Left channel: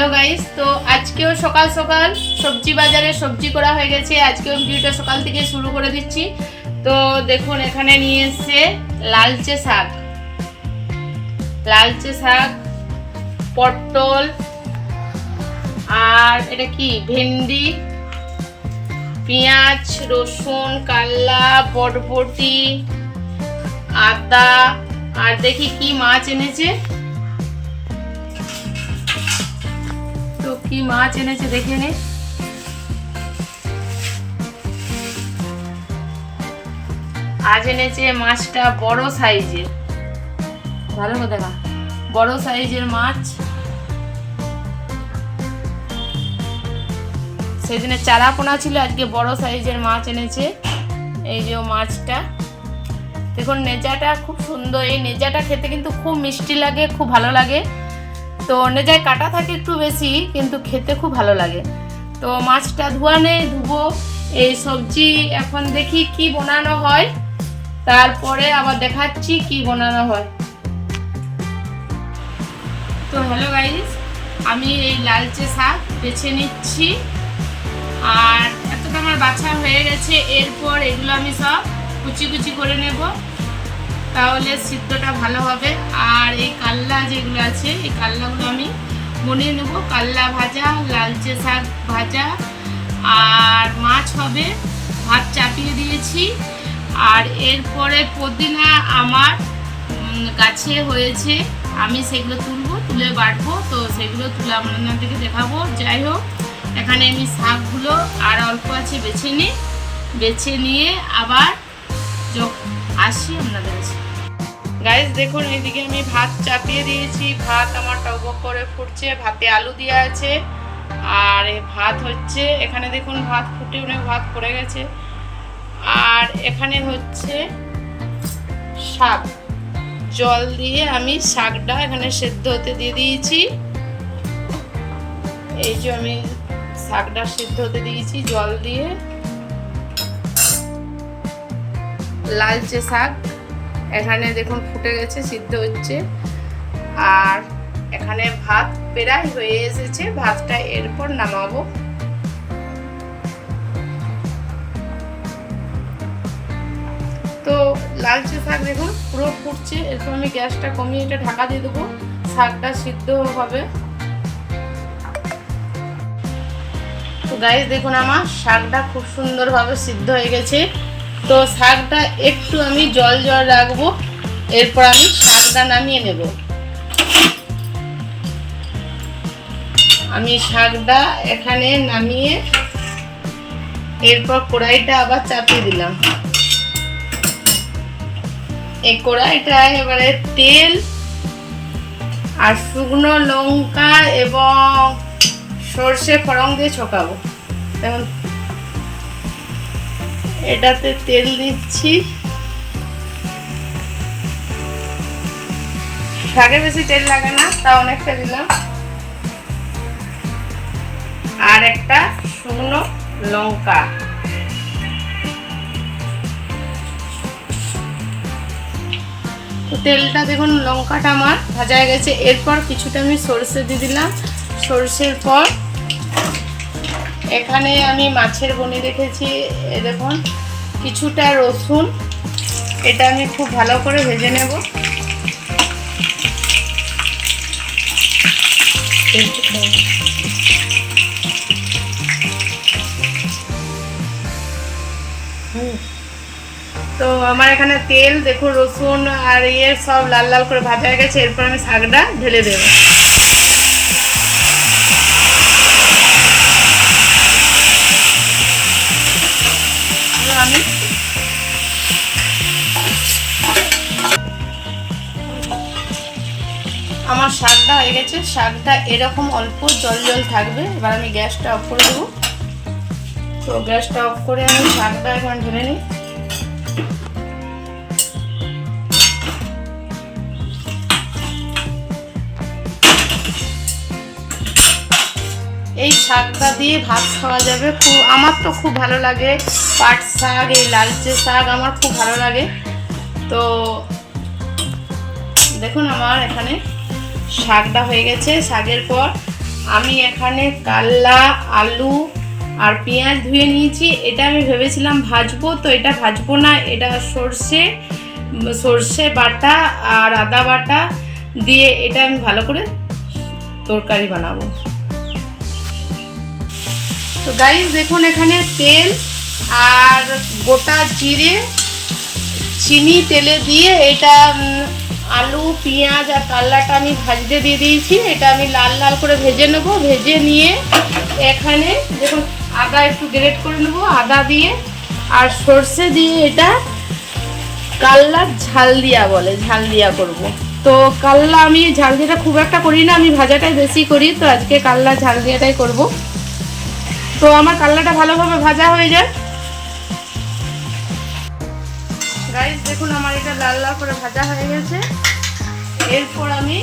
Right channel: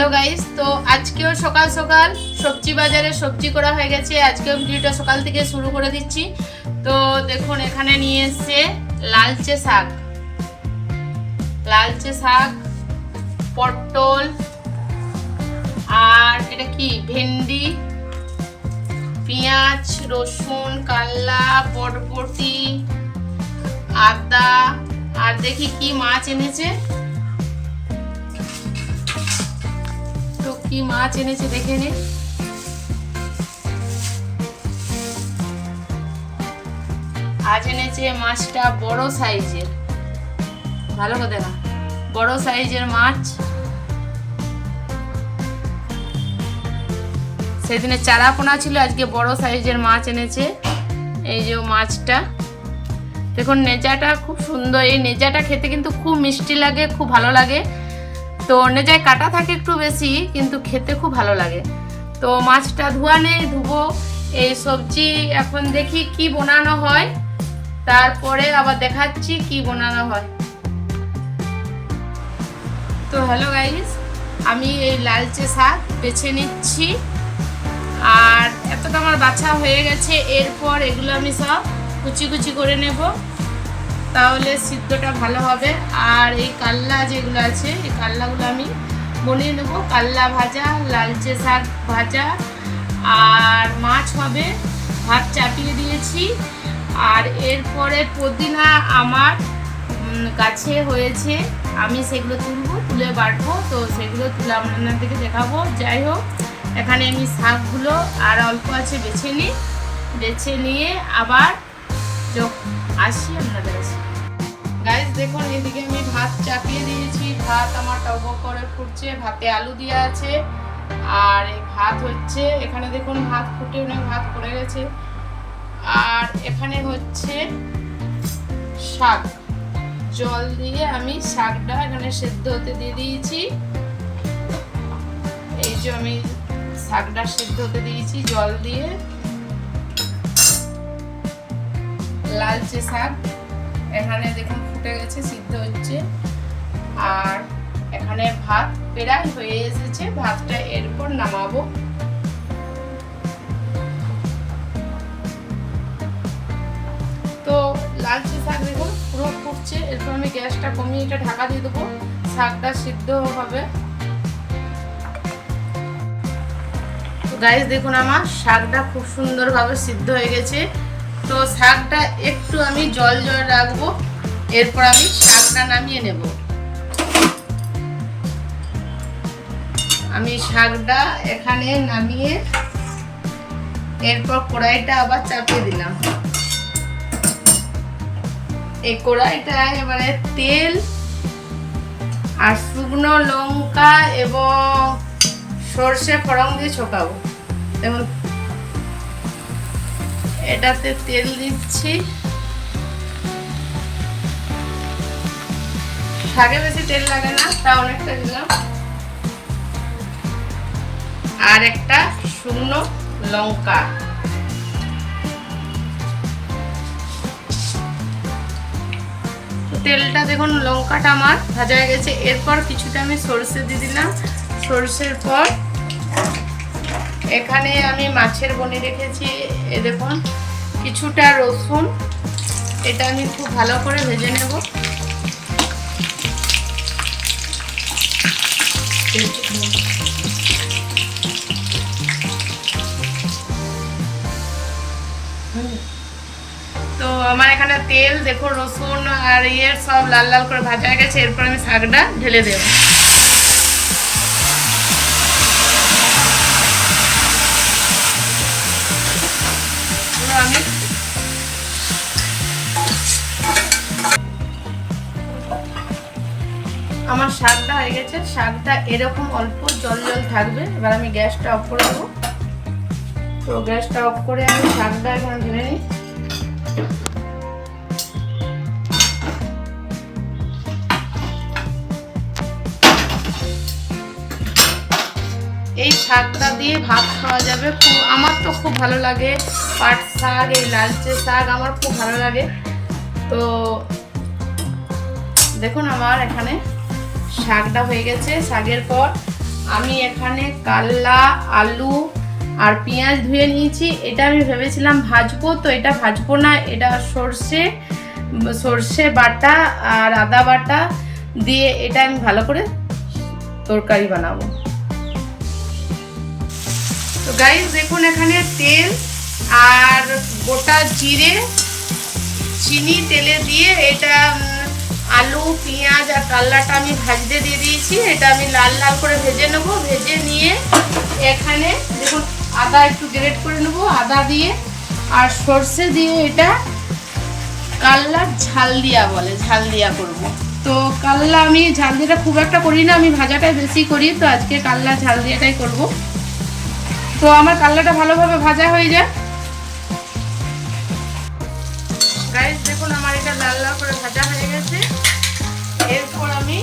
Hello guys, তো আজকেও সকাল সকাল সবজি বাজারে সবজি করা হয়ে গেছে। আজকেও ভিডিওটা সকাল থেকে শুরু করে দিচ্ছি। তো দেখুন এখানে নিয়ে এসছে লালচে শাক, পটল, আর এটা কি ভেন্ডি, পেঁয়াজ, রসুন, কাল্লা, বরবটি, আদা, আর দেখি কি মাছ এনেছে। তো কি মাছ এনেছে দেখে নে। আজ এনেছে মাছটা বড় সাইজের, ভালো করে দেখা, বড় সাইজের মাছ। সেদিনে চারাপোনা ছিল, আজকে বড় সাইজের মাছ এনেছে। এই যে মাছটা দেখুন, নেজাটা খুব সুন্দর। এই নেজাটা খেতে কিন্তু খুব মিষ্টি লাগে, খুব ভালো লাগে। তো নেজায় কাটা থাকে একটু বেশি, কিন্তু খেতে খুব ভালো লাগে। তো মাছটা ধোয়া নেই, ধুবো। এই সবজি এখন দেখি কি বানানো হয়, তারপরে আবার দেখাচ্ছি কি বানানো হয়। তো হ্যালো গাইস, আমি এই লালচে শাক বেছে নিচ্ছি। আর এতটা আমার বাছা হয়ে গেছে। এরপর এগুলো আমি সব কুচি কুচি করে নেব, তাহলে সিদ্ধটা ভালো হবে। আর এই কাল্লা যেগুলো আছে, এই কাল্লাগুলো আমি বনিয়ে নেব। কাল্লা ভাজা, লালচে শাক ভাজা, আর মাছ হবে। ভাত চাপিয়ে দিয়েছি। আর এরপরে পুদিনা আমার গাছে হয়েছে, আমি সেগুলো তুলে বাটবো। তো সেগুলো তুলে আপনাদেরকে দেখাবো। যাই হোক, এখানে আমি শাকগুলো আর অল্প আছে বেছে নিয়ে আবার আসি আপনাদের কাছে। গাইস দেখুন, এইদিকে আমি ভাত চাপিয়ে দিয়েছি। ভাত আমার টকবক করে ফুটছে, ভাতে আলু দেওয়া আছে। আর ভাত হচ্ছে, এখানে দেখুন ভাত ফুটে ভাত পড়ে গেছে। আর এখানে হচ্ছে শাক, জল দিয়ে আমি শাকটা এখানে সেদ্ধ হতে দিয়ে দিয়েছি। এই যে আমি শাকটা সিদ্ধ হতে দিয়েছি জল দিয়ে। লালচে শাক এখানে দেখুন ফুটে গেছে, সিদ্ধ হচ্ছে। আর এখানে ভাত প্রায় হয়ে এসেছে, ভাতটা এরপর নামাবো। তো লালচে শাক দেখুন পুরো ফুটছে। এরপর আমি গ্যাসটা কমিয়ে এটা ঢাকা দিয়ে দেবো, শাকটা সিদ্ধ হবে। গাইস দেখুন, আমার শাকটা খুব সুন্দরভাবে সিদ্ধ হয়ে গেছে। তো শাকটা একটু আমি জল রাখবো, এরপর আমি শাকটা নামিয়ে নেব। আমি শাকটা এখানে নামিয়ে এরপর কড়াইটা আবার চাপিয়ে দিলাম। এই কড়াইটা এবারে তেল আর শুকনো লঙ্কা এবং সর্ষে ফোড়ন দিয়ে ছকাবো। এবং এটাতে তেল দিচ্ছি। শাকে বেশি তেল লাগে না, তা অনেকটা দিলাম। আর একটা শুকনো লঙ্কা। তেলটা দেখুন, লঙ্কাটা আমার ভাজা হয়ে গেছে। এরপর কিছুটা আমি সরষে দিয়ে দিলাম। সরষের পর এখানে আমি মাছের বনি রেখেছি, এ দেখুন কিছুটা রসুন, এটা আমি খুব ভালো করে ভেজে নেব। তো আমার এখানে তেল দেখুন, রসুন আর সব লাল লাল করে ভাজা হয়ে গেছে। এরপর আমি শাকটা ঢেলে দেব। আমার শাকটা হয়ে গেছে। শাকটা এরকম অল্প জল থাকবে। এবার আমি গ্যাসটা অফ করে দেবো। তো গ্যাসটা অফ করে আমি শাকটা এখন ঢেলে নিই। এই শাকটা দিয়ে ভাত খাওয়া যাবে। আমার তো খুব ভালো লাগে পাট শাক, এই লালচে শাক আমার খুব ভালো লাগে। তো দেখুন আমার এখানে শাকটা হয়ে গেছে। শাকের পর আমি এখানে কাল্লা, আলু আর পেঁয়াজ ধুয়ে নিয়েছি। এটা আমি ভেবেছিলাম ভাজবো, তো এটা ভাজবো না, এটা সর্ষে বাটা আর আদা বাটা দিয়ে এটা আমি ভালো করে তরকারি বানাবো। তো গাইস দেখুন, এখানে তেল আর গোটা জিরে, চিনি তেলে দিয়ে এটা আলু, পেঁয়াজ আর কাল্লাটা আমি ভাজতে দিয়ে দিয়েছি। এটা আমি লাল লাল করে ভেজে নেব। ভেজে নিয়ে এখানে দেখুন আদা একটু গ্রেট করে নেব, আদা দিয়ে আর সর্ষে দিয়ে এটা কাল্লার ঝাল দিয়া বলে, ঝাল দিয়া করব। তো কাল্লা আমি ঝাল দিয়াটা খুব একটা করি না, আমি ভাজাটাই বেশি করি, তো আজকে কাল্লা ঝাল দিয়াটাই করব। তো আমার কাল্লাটা ভালোভাবে ভাজা হয়ে যায়। গাইস দেখুন আমার এটা লাল লাল করে ভাজা হয়ে গেছে। এরপর আমি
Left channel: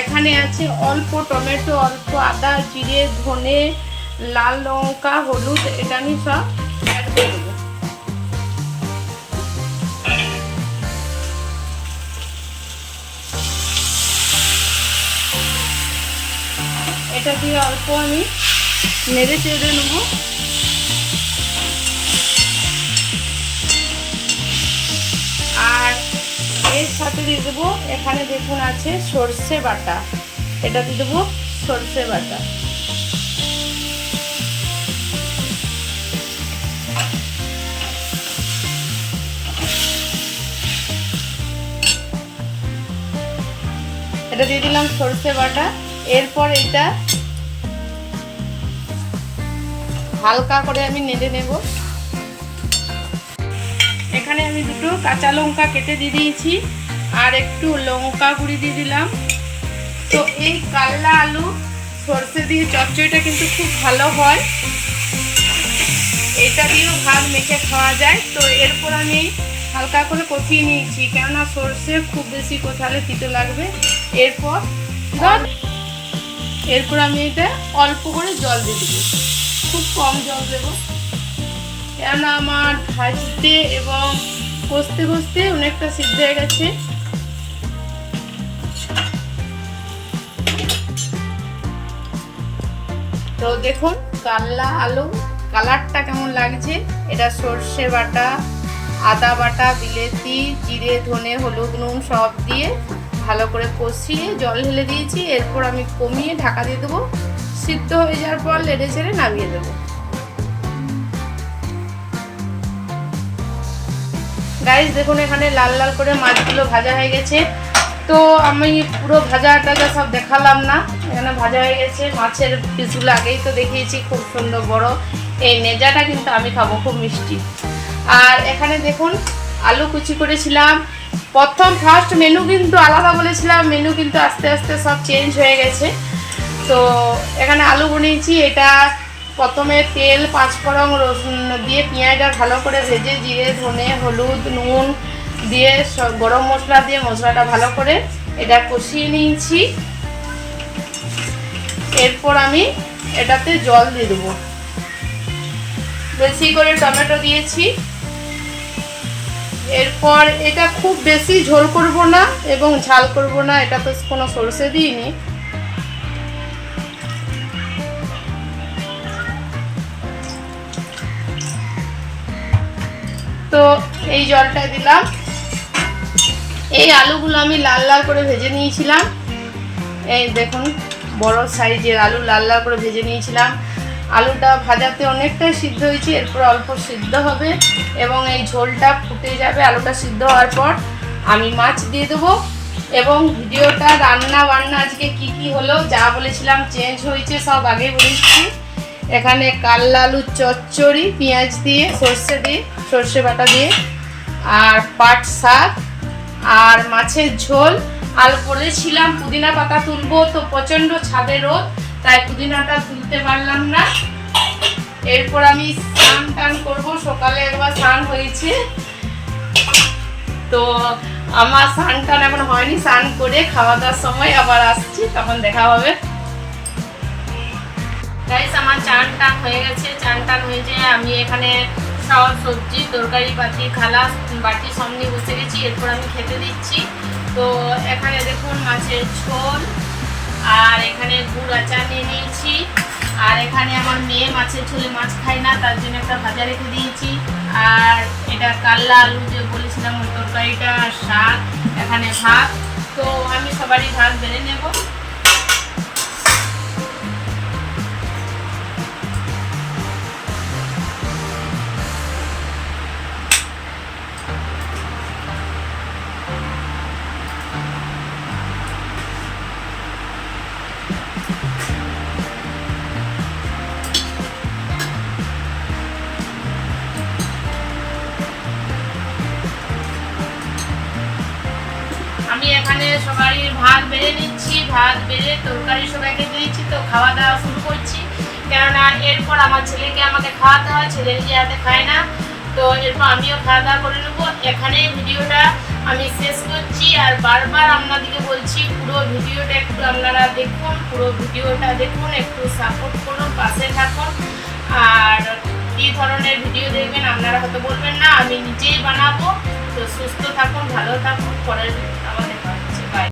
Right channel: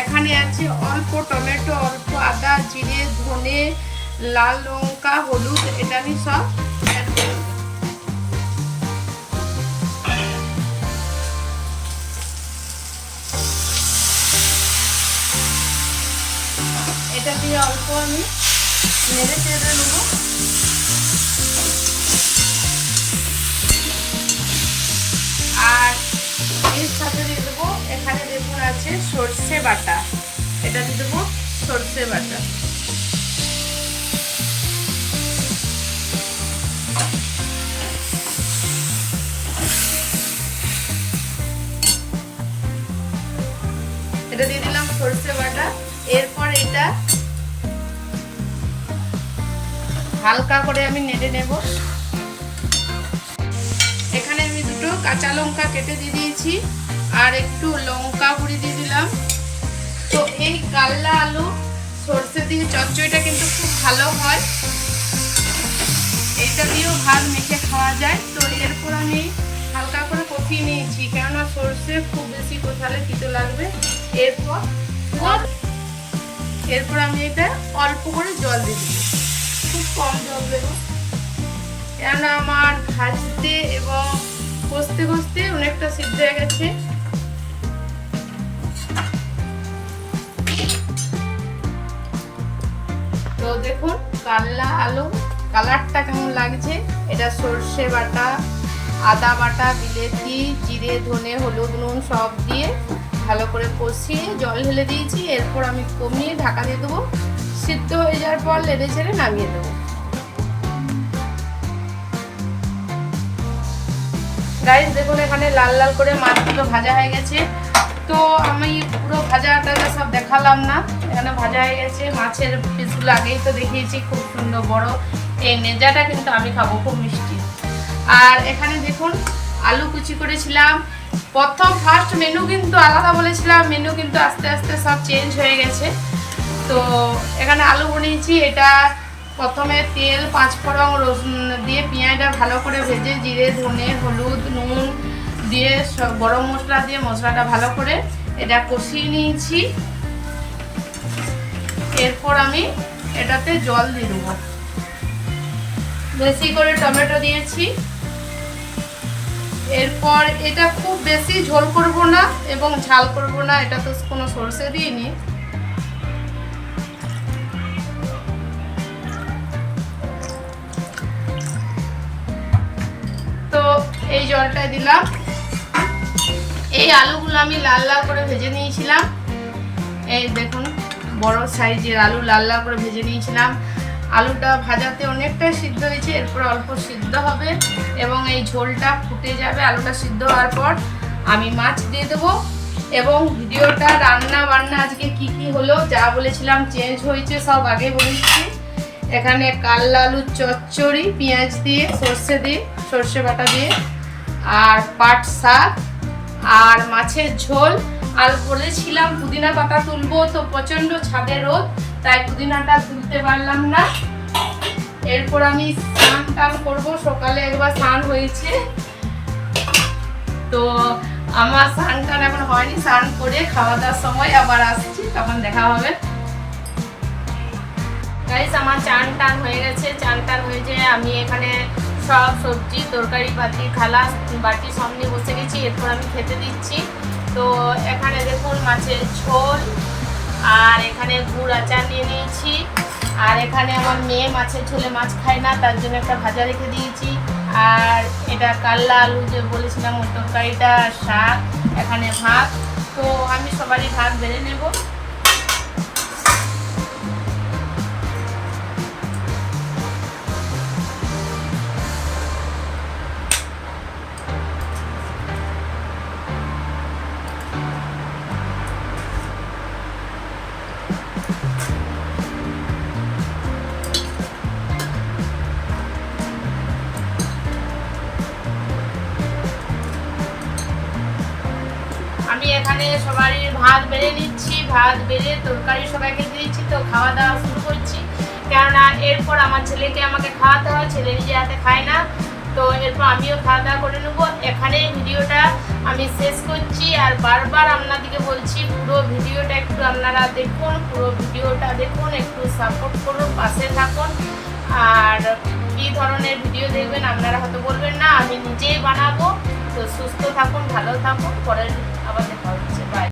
এখানে আছে অল্প টমেটো, অল্প আদা, জিরে, ধনে, লাল লঙ্কা, হলুদ, এটা আমি সব অ্যাড করে দেব। এটা দিয়ে অল্প আমি নেড়ে চেড়ে নেব। আর এর সাথে দিয়ে দেবো, এখানে দেখুন আছে সর্ষে বাটা, এটা দিয়ে দেবো সর্ষে বাটা। এটা দিয়ে দিলাম সর্ষে বাটা। এরপর এটা হালকা করে আমি নেড়ে নেব। এখানে আমি দুটো কাঁচা লঙ্কা কেটে দিয়ে দিয়েছি আর একটু লঙ্কা গুঁড়ি দিয়ে দিলাম। তো এই কাল্লা আলু সর্ষে দিয়ে চচ্চড়িটা কিন্তু খুব ভালো হয়, এটা দিয়েও ভাত মেখে খাওয়া যায়। তো এরপর আমি হালকা করে কষিয়ে নিয়েছি, কেননা সর্ষে খুব বেশি কষালে তিতো লাগবে। এরপর আমি এটা অল্প করে জল দিয়ে দেবো, খুব কম জল দেবো, কেননা আমার ভাজতে এবং কষতে কষতে অনেকটা সিদ্ধ হয়ে গেছে। তো দেখুন কাল্লা আলু কালারটা কেমন লাগছে। এটা সর্ষে বাটা, আদা বাটা, বিলেতি, জিরে, ধনে, হলুদ, নুন সব দিয়ে ভালো করে কষিয়ে জল ঢেলে দিয়েছি। এরপর আমি কমিয়ে ঢাকা দিয়ে দেবো। সিদ্ধ হয়ে যাওয়ার পর নেড়ে চেড়ে নামিয়ে দেবো। গাইস দেখুন এখানে লাল লাল করে মাছগুলো ভাজা হয়ে গেছে। তো আমি পুরো ভাজাটা সব দেখালাম না, এখানে ভাজা হয়ে গেছে। মাছের পিসগুলো আগেই তো দেখিয়েছি, খুব সুন্দর বড়। এই নেজাটা কিন্তু আমি খাবো, খুব মিষ্টি। আর এখানে দেখুন আলু কুচি করেছিলাম। ফার্স্ট মেনু কিন্তু আলাদা বলেছিলাম, মেনু কিন্তু আস্তে আস্তে সব চেঞ্জ হয়ে গেছে। তো এখানে আলু বানিয়েছি। এটা প্রথমে তেল, পাঁচফোড়ন, রসুন দিয়ে পেঁয়াজটা ভালো করে ভেজে জিরে, ধনে, হলুদ, নুন দিয়ে গরম মশলা দিয়ে মশলাটা ভালো করে এটা কষিয়ে নিয়েছি। এরপর আমি এটাতে জল দিয়ে দেবো, বেশি করে টমেটো দিয়েছি। এরপর এটা খুব বেশি ঝোল করব না এবং ঝাল করব না, এটা তো কোনো সরষে দিইনি। তো এই জলটা দিলাম। এই আলুগুলো আমি লাল লাল করে ভেজে নিয়েছিলাম। এই দেখুন বড় সাইজের আলু লাল লাল করে ভেজে নিয়েছিলাম। আলুটা ভাজাতে অনেকটাই সিদ্ধ হয়েছে, এরপর অল্প সিদ্ধ হবে এবং এই ঝোলটা ফুটে যাবে। আলুটা সিদ্ধ হওয়ার পর আমি মাছ দিয়ে দেবো এবং ভিডিওটা রান্না বান্না আজকে কি কি হলো, যা বলেছিলাম চেঞ্জ হয়েছে সব আগে বলেছি। এখানে কাল্লা আলুর চচ্চড়ি, পেঁয়াজ দিয়ে, সর্ষে বাটা দিয়ে, আর পাট শাক আর মাছের ঝোল। আর বলেছিলাম পুদিনা পাতা তুলবো, তো প্রচণ্ড ছাদে রোদ, তাই পুদিনাটা তুলতে পারলাম না। এরপর আমি স্নান টান করবো, সকালে একবার স্নান হয়েছে, তো আমার স্নান টান এখন হয়নি। স্নান করে খাওয়া দাওয়ার সময় আবার আসছি, তখন দেখা হবে। গাইস আমার চান টান হয়ে গেছে। চান টান হয়েছে, আমি এখানে সব সবজি, তরকারি বাটি, খালা বাটি সব নিয়ে বসে গেছি। এরপর আমি খেতে দিচ্ছি। তো এখানে দেখুন মাছের ঝোল, আর এখানে গুড় আচার নিয়ে নিয়েছি। আর এখানে আমার মেয়ে মাছের ঝোলে মাছ খায় না, তার জন্য একটা ভাজা রেখে দিয়েছি। আর এটা কাল্লা আলু যে বলেছিলাম ওই তরকারিটা, শাক, এখানে ভাত। তো আমি সবারই ভাত বেড়ে নেব। আমি এখানে সবারই ভাত বেড়ে নিচ্ছি, ভাত বেড়ে তরকারি সবাইকে দিয়েছি। তো খাওয়া দাওয়া শুরু করছি, কেননা এরপর আমার ছেলেকে আমাকে খাওয়াতে হয়, ছেলে নিজে হাতে খায় না। তো এরপর আমিও খাওয়া দাওয়া করে নেবো। এখানে ভিডিওটা আমি শেষ করছি। আর বারবার আপনাদেরকে বলছি পুরো ভিডিওটা একটু আপনারা দেখুন, পুরো ভিডিওটা দেখুন, একটু সাপোর্ট করুন, পাশে থাকুন। আর কী ধরনের ভিডিও দেখবেন আপনারা হয়তো বলবেন না, আমি নিজেই বানাবো। তো সুস্থ থাকুন, ভালো থাকুন, পরের আবার